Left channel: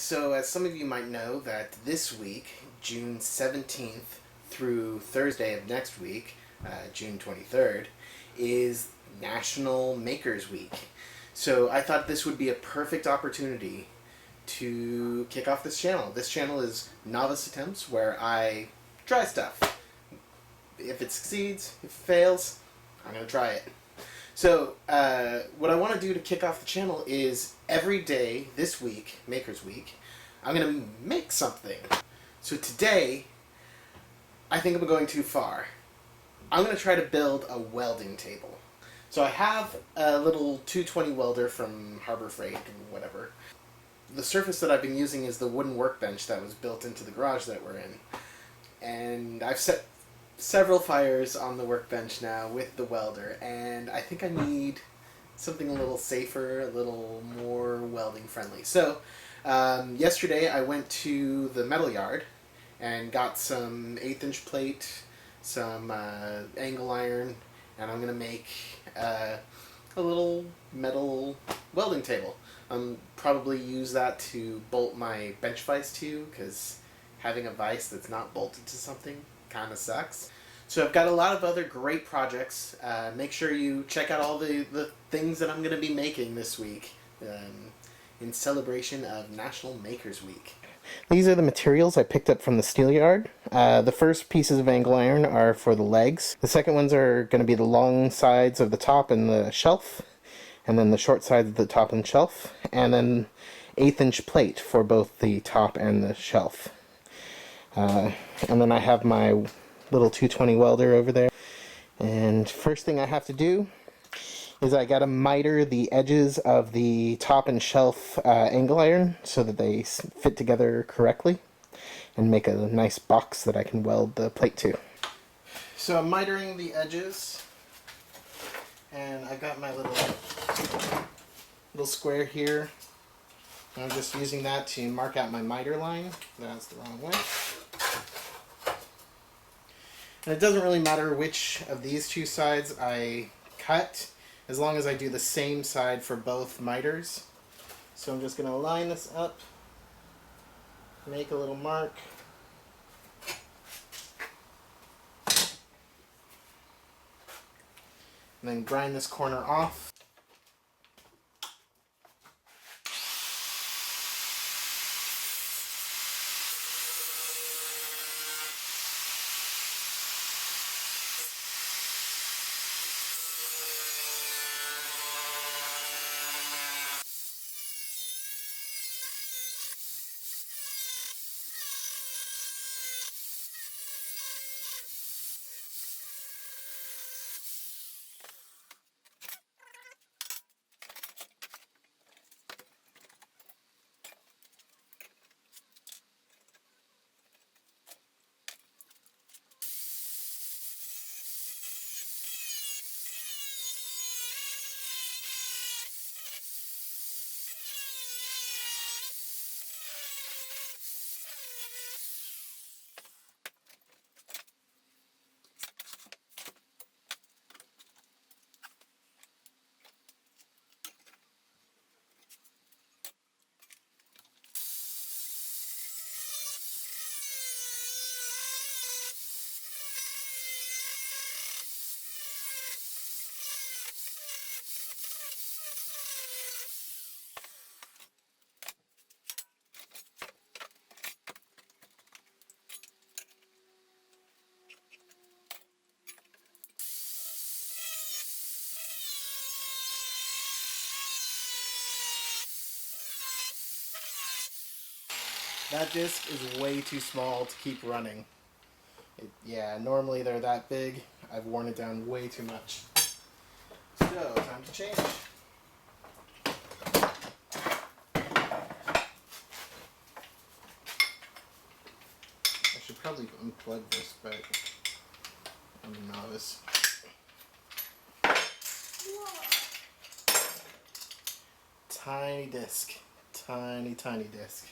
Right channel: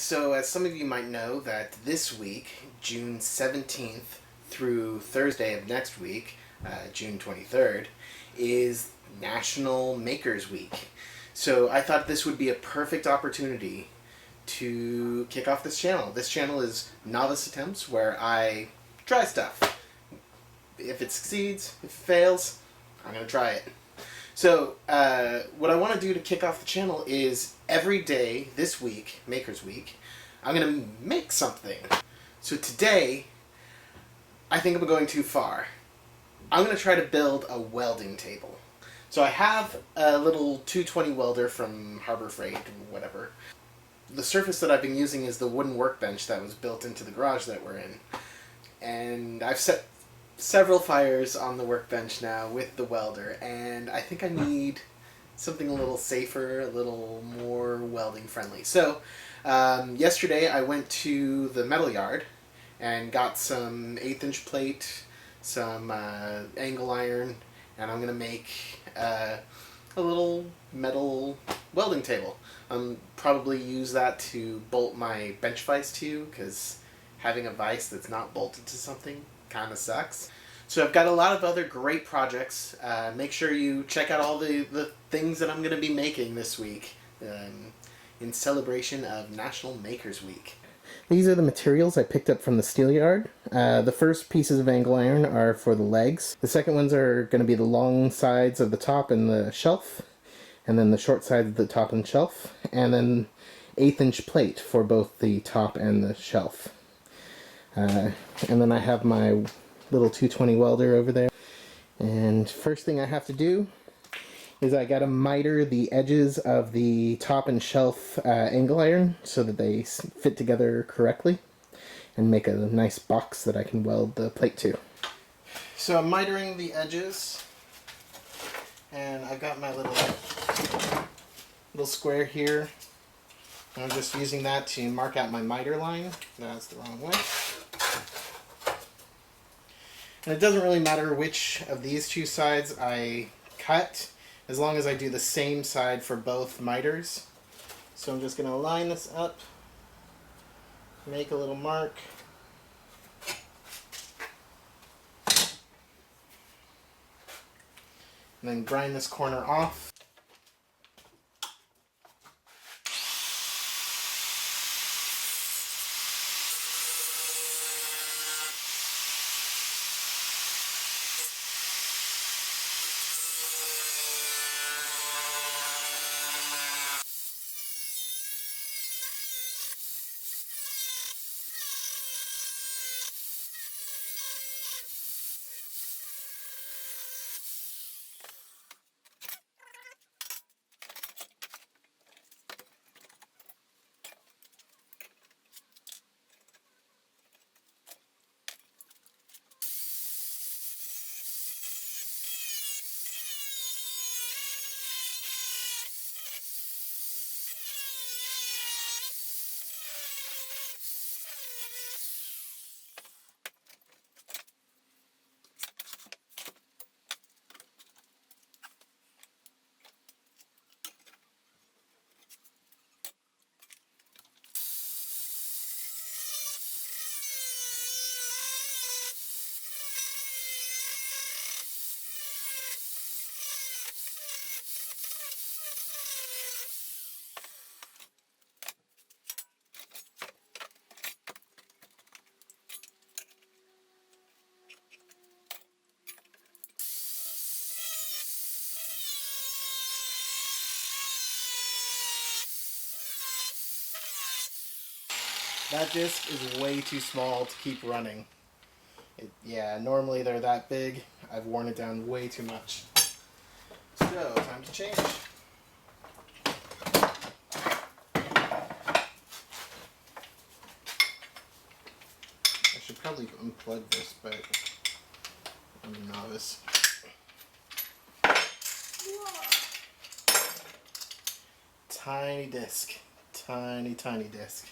So, as some of you might know, that this week, June 17th through Thursday of next week, June 23rd, is National Makers Week. So, I thought this would be a perfect opportunity to kick off this channel. This channel is Novice Attempts, where I try stuff. If it succeeds, if it fails, I'm going to try it. So, what I want to do to kick off the channel is every day this week, Makers Week, I'm going to make something. So today, I think I'm going too far. I'm going to try to build a welding table. So I have a little 220 welder from Harbor Freight or whatever. The surface that I've been using is the wooden workbench that was built into the garage that we're in. And I've set several fires on the workbench now with the welder, and I think I need something a little safer, a little more welding friendly. So yesterday I went to the metal yard and got some 1/8" plate, some angle iron, and I'm going to make a little metal welding table. Probably use that to bolt my bench vise to, because having a vise that's not bolted to something kind of sucks. So I've got a lot of other great projects. Make sure you check out all the things that I'm going to be making this week in celebration of National Makers Week. These are the materials I picked up from the steel yard. The first pieces of angle iron are for the legs. The second ones are going to be the long sides of the top and the shelf, and then the short sides of the top and shelf, and then 1/8" plate for both the top and the shelf. And then I have my little 220 welder over there. And first thing I have to do is I gotta miter the edges of the top and shelf angle iron so that they fit together correctly and make a nice box that I can weld the plate to. So I'm mitering the edges, and I've got my little square here. I'm just using that to mark out my miter line. That's the wrong way. And it doesn't really matter which of these two sides I cut, as long as I do the same side for both miters. So I'm just going to line this up, make a little mark, and then grind this corner off. That disc is way too small to keep running. Yeah, normally they're that big. I've worn it down way too much. So, time to change. I should probably unplug this, but I'm a novice. Tiny disc. Tiny, tiny disc.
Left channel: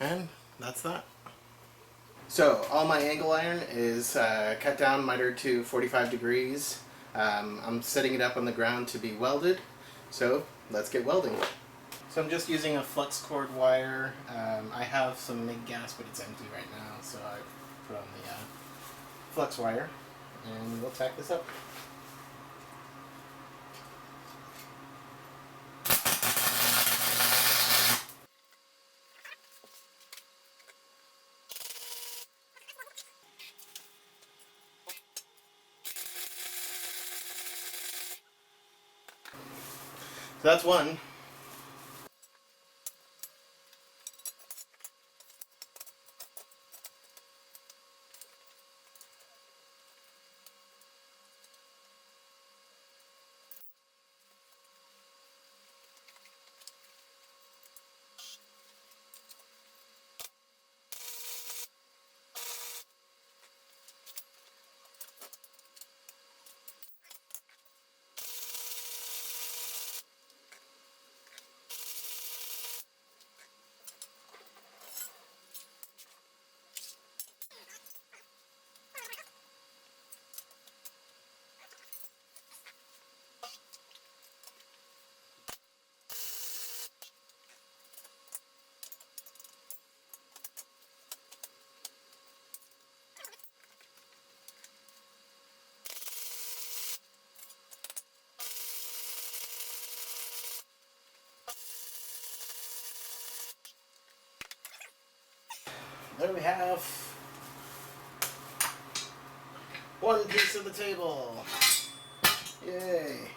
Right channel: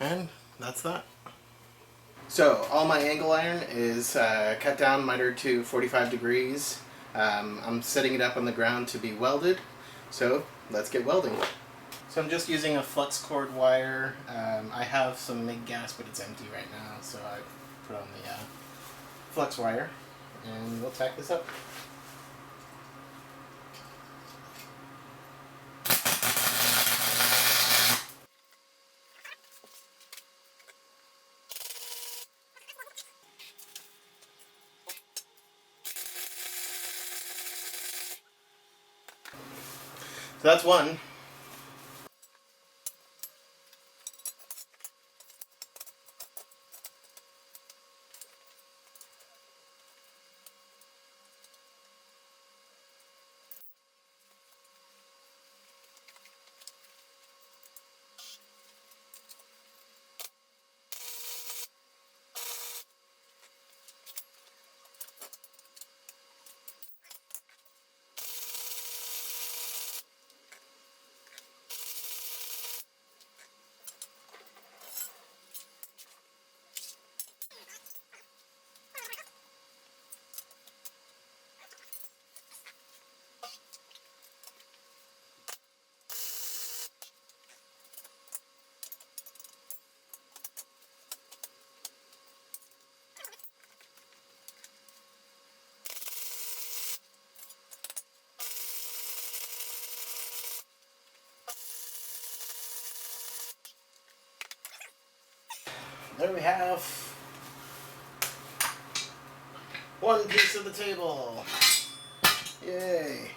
And that's that. So all my angle iron is cut down, mitered to 45 degrees. I'm setting it up on the ground to be welded. So let's get welding. So I'm just using a flux cord wire. I have some MIG gas, but it's empty right now, so I put on the flux wire, and we'll tack this up. So that's one. There we have one piece of the table. Yay.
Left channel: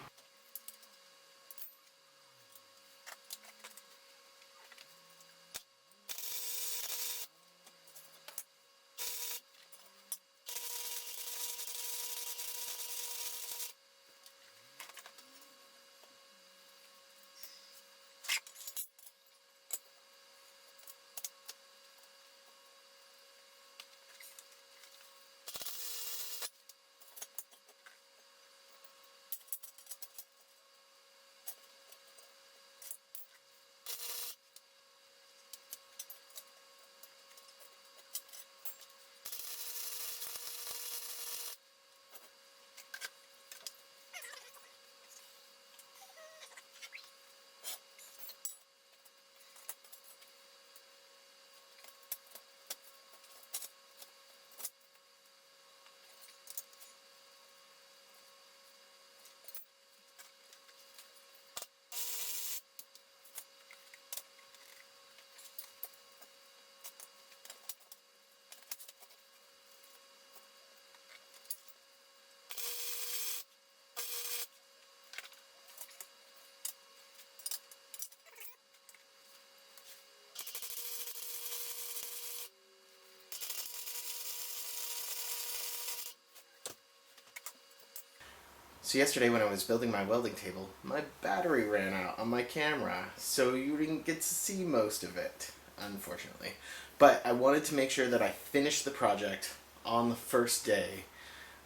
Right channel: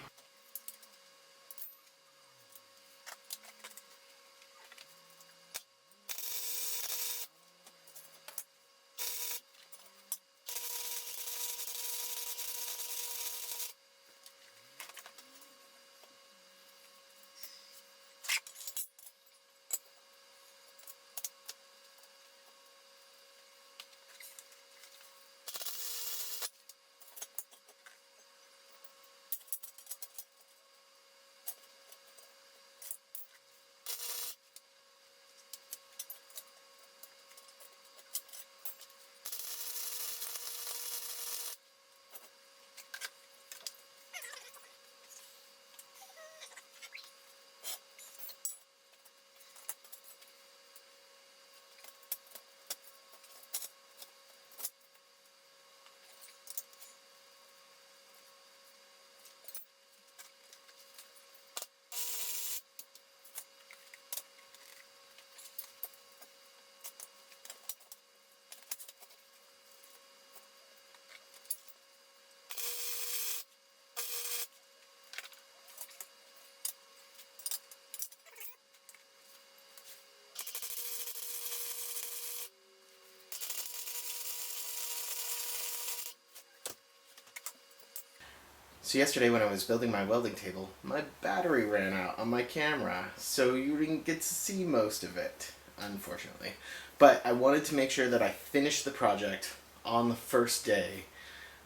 So yesterday when I was building my welding table, my battery ran out on my camera, so you didn't get to see most of it, unfortunately. But I wanted to make sure that I finished the project on the first day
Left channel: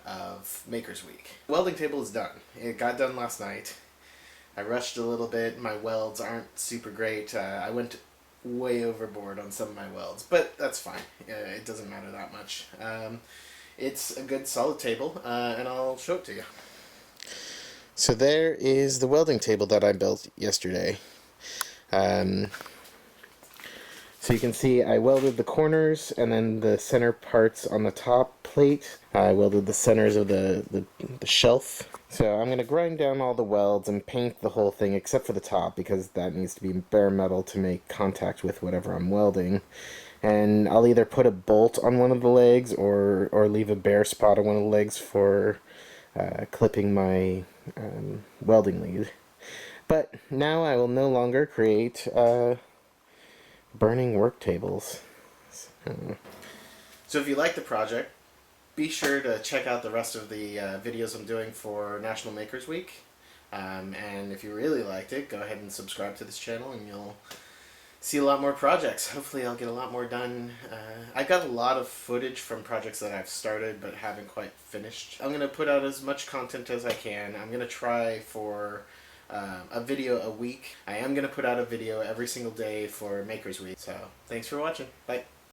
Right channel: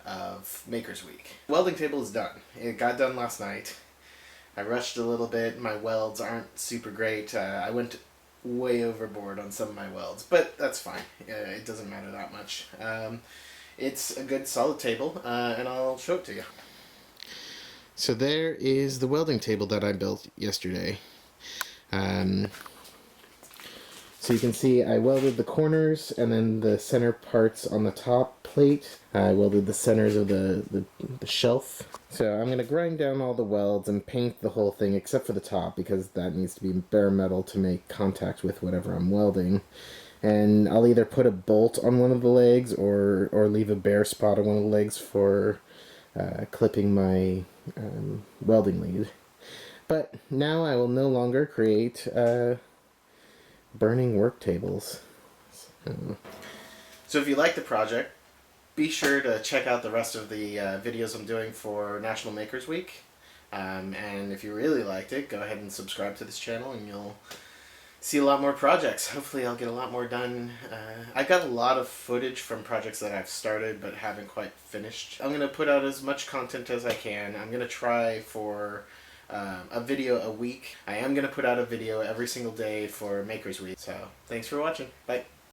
of Maker's Week. Welding table is done. It got done last night. I rushed a little bit. My welds aren't super great. I went way overboard on some of my welds, but that's fine. It doesn't matter that much. It's a good solid table, and I'll show it to you. So there is the welding table that I built yesterday. So you can see I welded the corners and then the center parts on the top plate. I welded the centers of the shelf. So I'm going to grind down all the welds and paint the whole thing except for the top because that needs to be bare metal to make contact with whatever I'm welding. And I'll either put a bolt on one of the legs or leave a bare spot on one of the legs for clipping my welding lead. But now I will no longer create burning work tables. So if you like the project, be sure to check out the rest of the videos I'm doing for National Makers Week. And if you really liked it, go ahead and subscribe to this channel and you'll see a lot more projects. Hopefully I'll get a lot more done. I got a lot of footage from projects that I've started but haven't quite finished. I'm going to put out as much content as I can. I'm going to try for a video a week. I am going to put out a video every single day for Makers Week. So thanks for watching. Bye.